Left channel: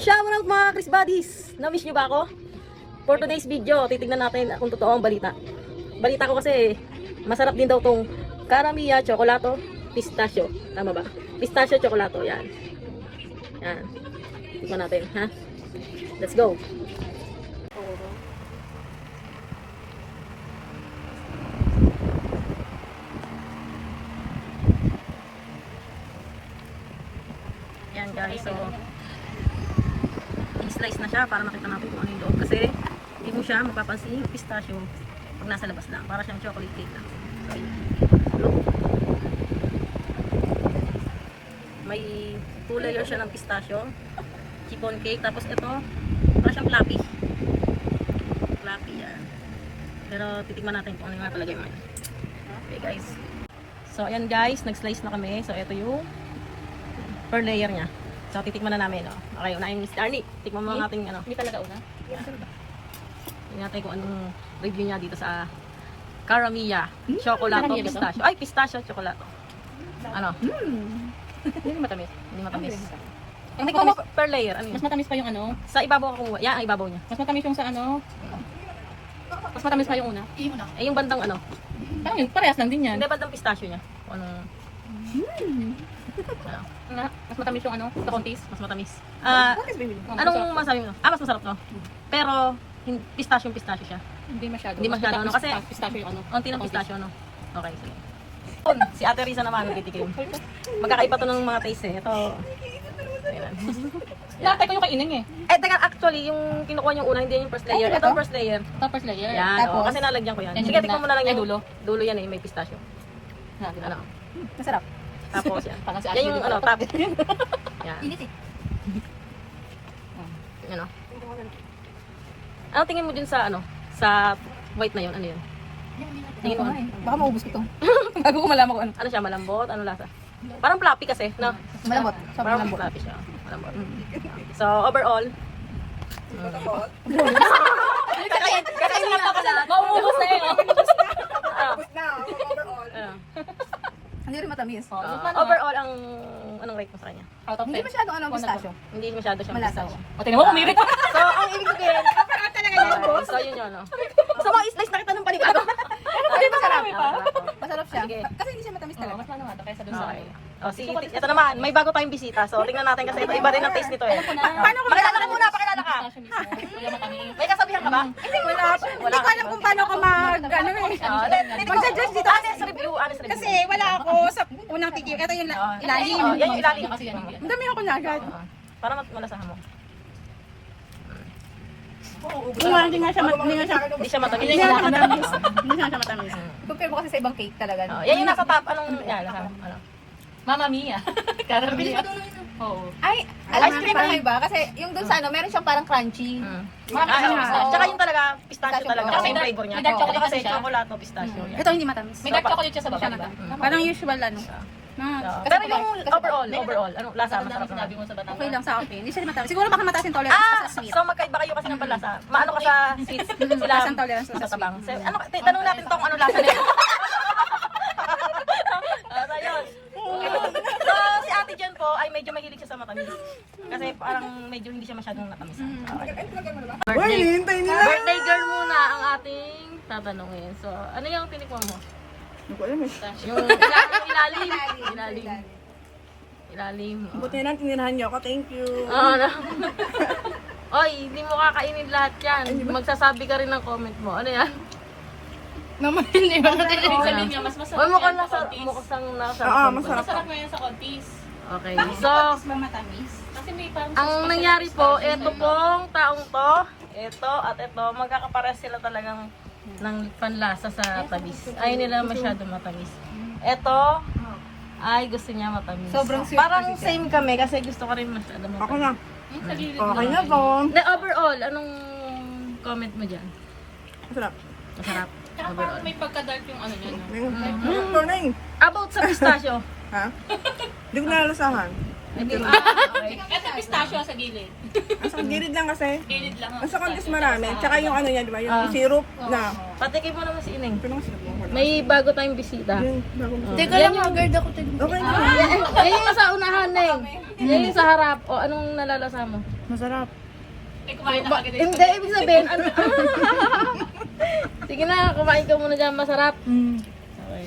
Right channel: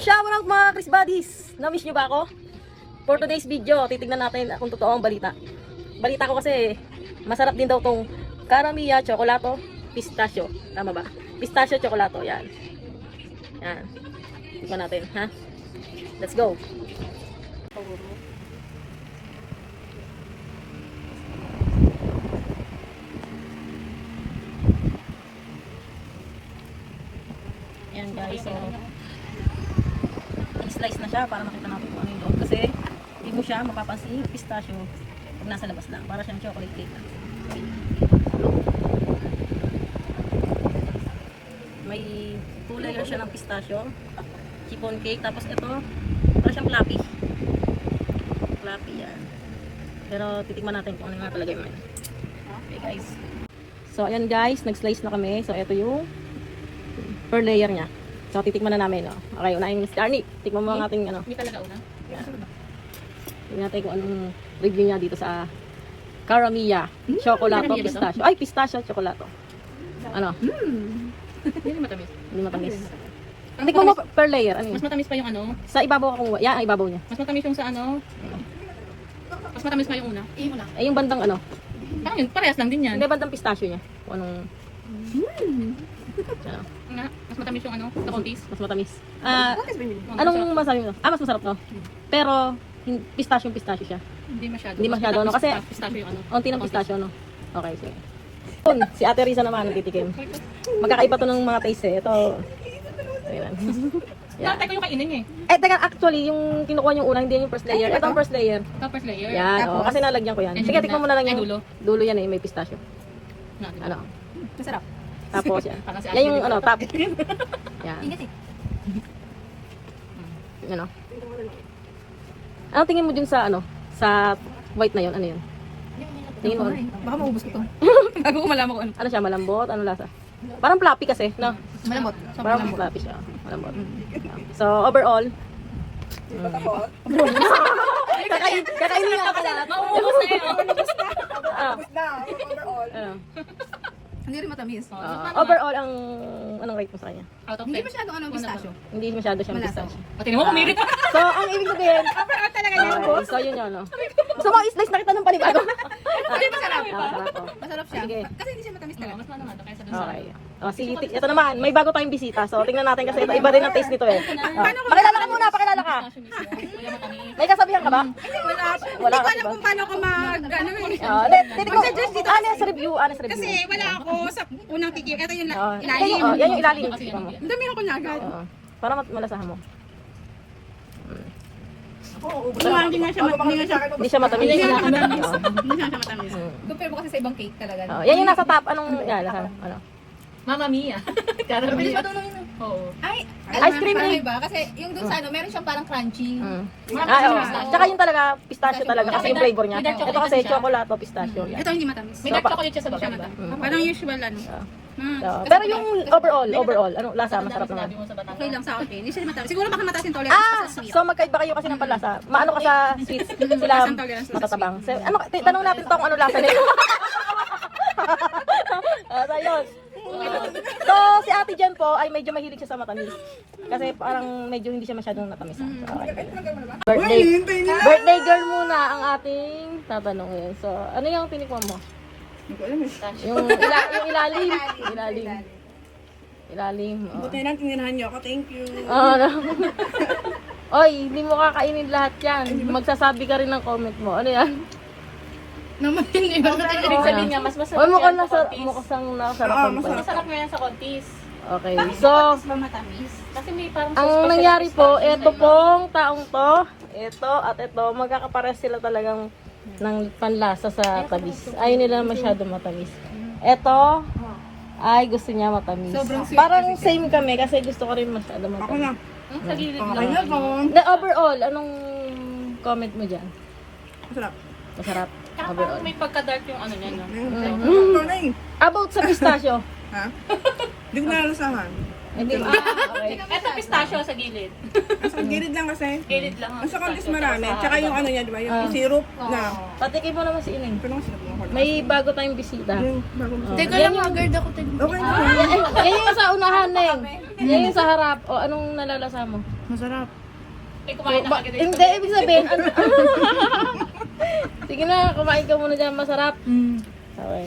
Shout out mga Chris Buddies! Na-miss nyo ba ako? For today's video, titignan natin kung totoo ang balita. Balita ko kasi, masarap din daw tong Caramia Chocolate Pistachio. Tama ba? Pistachio Chocolate, yan. Yan. Tignan natin, ha? Let's go! Yan guys, so i-slice na siya para makita natin kung ano yung loob. Kasi hindi mo siya mapapansin yung pistachio pag nasa labas lang. Para siyang chocolate cake. Okay. May 2 layer siya ng pistachio, chiffon cake, tapos ito para siyang fluffy. Fluffy yan. Pero titikman natin kung ano yung nakalagay mo. Okay guys. So ayan guys, nag-slice na kami. So ito yung per layer niya. So titikman na namin. Okay, unahin ni Starny. Tikman mo natin ano. Hindi talaga una. Tingnan natin kung anong review niya dito sa Caramia Chocolate Caramia ba to? Pistachio. Ay, pistachio chocolate. Ano? Hindi matamis. Hindi matamis. Ang Hindi ko matamis, per layer. Ano yun? mas matamis pa yung ano. Sa ibabaw ako. Yan, ang ibabaw niya. Mas matamis yung sa ano. Mas matamis pa yung una. Yung una. Ay, yung bandang ano. Saan yun? Parehas lang din yan. Hindi, bandang pistachio niya. Kung anong Nga, mas matamis yung ano, sa kontis. mas matamis. Anong masabi mo? Mas masarap to. Pero, pistachio siya. Hindi masyado. Hindi masyado, no? Kasi- pistachio yung ano. Konti ng pistachio, ano? Okay, so. Si Ate Risa naman, nagtitikim. Magkakaiba to ng mga taste eh. Ito. Ayan. Lahat ko yung kainin eh. Eh, teka, actually, yung kinukuha yung una, hindi yung first layer. Ay, ba Ito to? ang first layer. Tapos layer. Yan, Tapos, kasi nalagyan ko yan. yan Sige, yung tikman mo na lang Ay, yung dulo. dulo yan eh, may pistachio. Na, diba? Ano? Masarap. Tapos yan. Parang si Yan Ate yung Risa. ano, top. Yan. Init eh. Yan o. Ano tingin mo dun sa ano? Sa white na yun? Ano yan? Tingin mo? Baka maubos ko to. Bago ko malaman ko ano. Ano siya? Malambot? Ano lasa? Parang floppy kasi. No? Malambot. Sobrang lambot. Floppy siya. Malambot. So, overall. Kasi mauubos na yun. Hindi rin matamis. Overall, ang anong rate mo sa kanya? Out of Hindi 10. masyado ano pistachio. Hindi masyado siya Malasa. pistachio. O, tingnan mo, kumirit ka. So, ang ibig sabihin, Talaga yan, boss. so yun yun, ano. So, kung i-slice na kita ng panibado. Ano pa rin masarap? pa? Masarap siya. Sige. Kasi hindi siya matamis Oo, talaga. mas ano nga to kaysa dun sa ano. Oh, sige, ito naman, may bago tayong bisita. So, tingnan natin kasi iba din ang taste nito eh. Paano ko Pakilala makilala muna, pakilala ka. Wala matamis. May kasabihan ka ba? Wala. Hindi ko alam kung paano ko mag... Ano eh. Mag-suggest dito kasi. Sa review, ano sa review? Kasi wala ako sa unang tikim. Ito yung ilalim. Oh, yan yung ilalim. Kasi yan yung Ang dami ako na agad. Oo. Para malasahan mo. Hindi nga siya Hindi siya matamis. Hindi nga siya matamis. Hindi nga siya matamis. compare mo kasi sa ibang cake talaga. Oh, yan yung nasa top. Anong yan? Ano? Mama Mia. Caramia. Oo. Ay, Ice alam cream mo parang eh. iba. Kasi yung dun sa ano, meron siyang parang crunchy. Tsaka yung talaga, pistachio talaga. Kasi Kasi yung flavor niya. may dark chocolate Ito kasi kasi siya. chocolate o pistachio. Ito hindi matamis. May dark chocolate siya sa baba, diba? Parang usual ano. Pero yung overall, ano lasa? Masarap naman. mo sa batang. Okay lang sa akin. Hindi siya matamis. Siguro baka mataas yung tolerance sa sweet. So magkaiba kayo kasi ng panlasa. Maano ka sa sweet? Mataas ang tolerance ko sa sweet. Masatabang. So, ano, tanong natin tong ano lasa niya. So yun. So si Ate Jen po ay medyo mahilig siya sa matamis. Kasi parang medyo hindi siya masyadong matamis. Birthday girl muna ang ating tatanungin. So ano yung pinikon mo? Hindi ko alam eh. Yung ilalim. Buti na tinirahan niyo ako. Thank you. Ano? Oy, hindi mo kakainin lahat yan. Magsasabi ka rin ng comment mo. Ano yan? Naman hindi ba? Sa linya, mas masarap Oy, mukhang yan nasa, sa kontis. mukhang nasa. Oo, masarap. Masarap na yan sa kontis. Okay, so, matamis. Kasi may parang ang nangyari po, ito pong taong to, ito at ito, magkakapares sila talagang ng panlasa sa tamis. Ayaw nila masyado matamis. Ito, ay gusto niya matamis. Sobrang sweet Parang kasi siya. same kami kasi gusto ko rin masyado matamis. Ako na. Okay na po. Hindi, overall, anong comment mo dyan? Masarap. Masarap. Parang Overall. may pagka-dark yung ano niya. No? Ito na eh. About sa pistachio. Ha? Hindi ko nalasahan. Okay. Ito pistachio sa gilid. Ang gilid lang kasi. Gilid lang. Ang sa contest marami. Tsaka yung ano niya, di ba? Yung syrup na. Patikin mo naman si Ineng. Pero ang syrup mo. May bago tayong bisita. Yung bago mo. Teka lang, haggard ako. Okay na. Yan yung sa unahan, Neng. Yan yung sa harap. O, anong nalalasa mo? Masarap. Hindi, ibig sabihin. Sige na, kumain ka muna dyan. Masarap. Okay.